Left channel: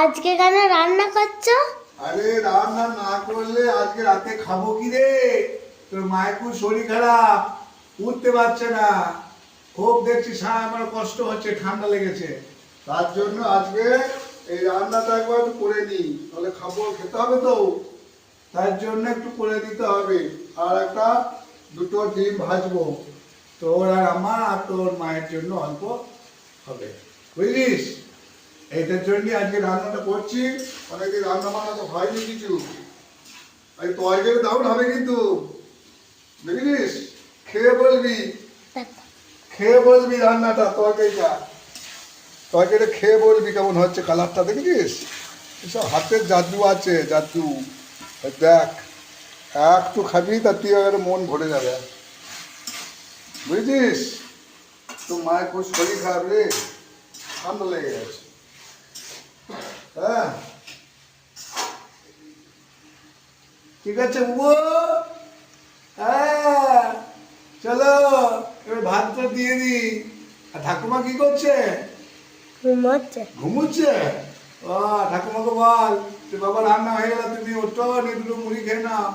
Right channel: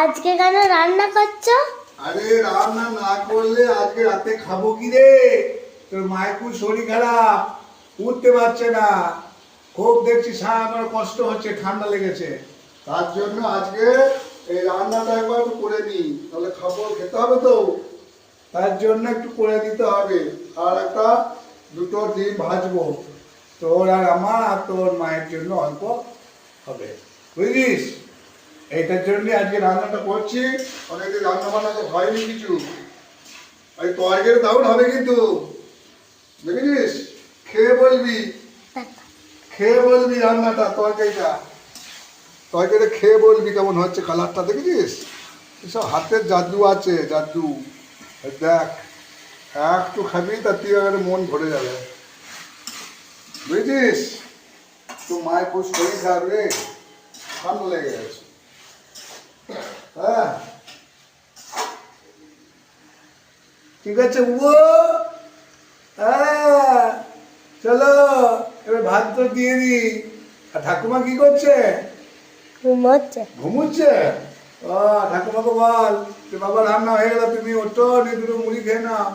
আজকে কেন রান্না করছো? আরে রান্না না করলে আজকে রাতে খাবো কি রে? তোর মায়ের খুব শরীর খারাপ, উঠতে পারছে না, খুব দেখছি সারা আমার কষ্ট হচ্ছে, ঠান্ডা লেগেছে। তার জন্য আজকে এই রান্নাটা একবার একটু করে নিই, তাহলে খাবো, খেতে হবে তো। তার জন্য একটু করে দিতে হবে। আর একটা দুটো ডিম ভাজবো, তোর আর আমার আর তোর মায়ের জন্য অল্প হবে, বুঝলিস? এইটার জন্য আজকে রান্নাটা করছি। অনেকদিন রান্না বান্না তো হয়নি কিছু। এই তরকারি দারুণ হবে কিন্তু, বুঝলিস? খেয়ে বলবি, খেয়ে বলবি রান্নাটা, তরকারিটা খেয়ে বলবি কেমন হচ্ছে, কালারটা দেখেছিস? এসব হাতের জাদু আছে, জাদু। এই দেখ, একটু খাবি তার তুই এবারে মন ভরে যাবে, বুঝেছিস? তো মায়ের খুব শরীর খারাপ রে, ঠান্ডা লেগে গেছে। হ্যাঁ, ঠিক আছে বুবু। হ্যাঁ, চলো এবার ভাত তো দিয়ে দি। আর ঠাকুমা কি করছে? ঘুমোচ্ছে। ঘুমুচ্ছে? ও, ঠাকুমাকে বল যে বাবা রান্না হয়ে গেল, তুমি ওঠো, নিয়ে দুটো মুড়ি খেয়ে নাও।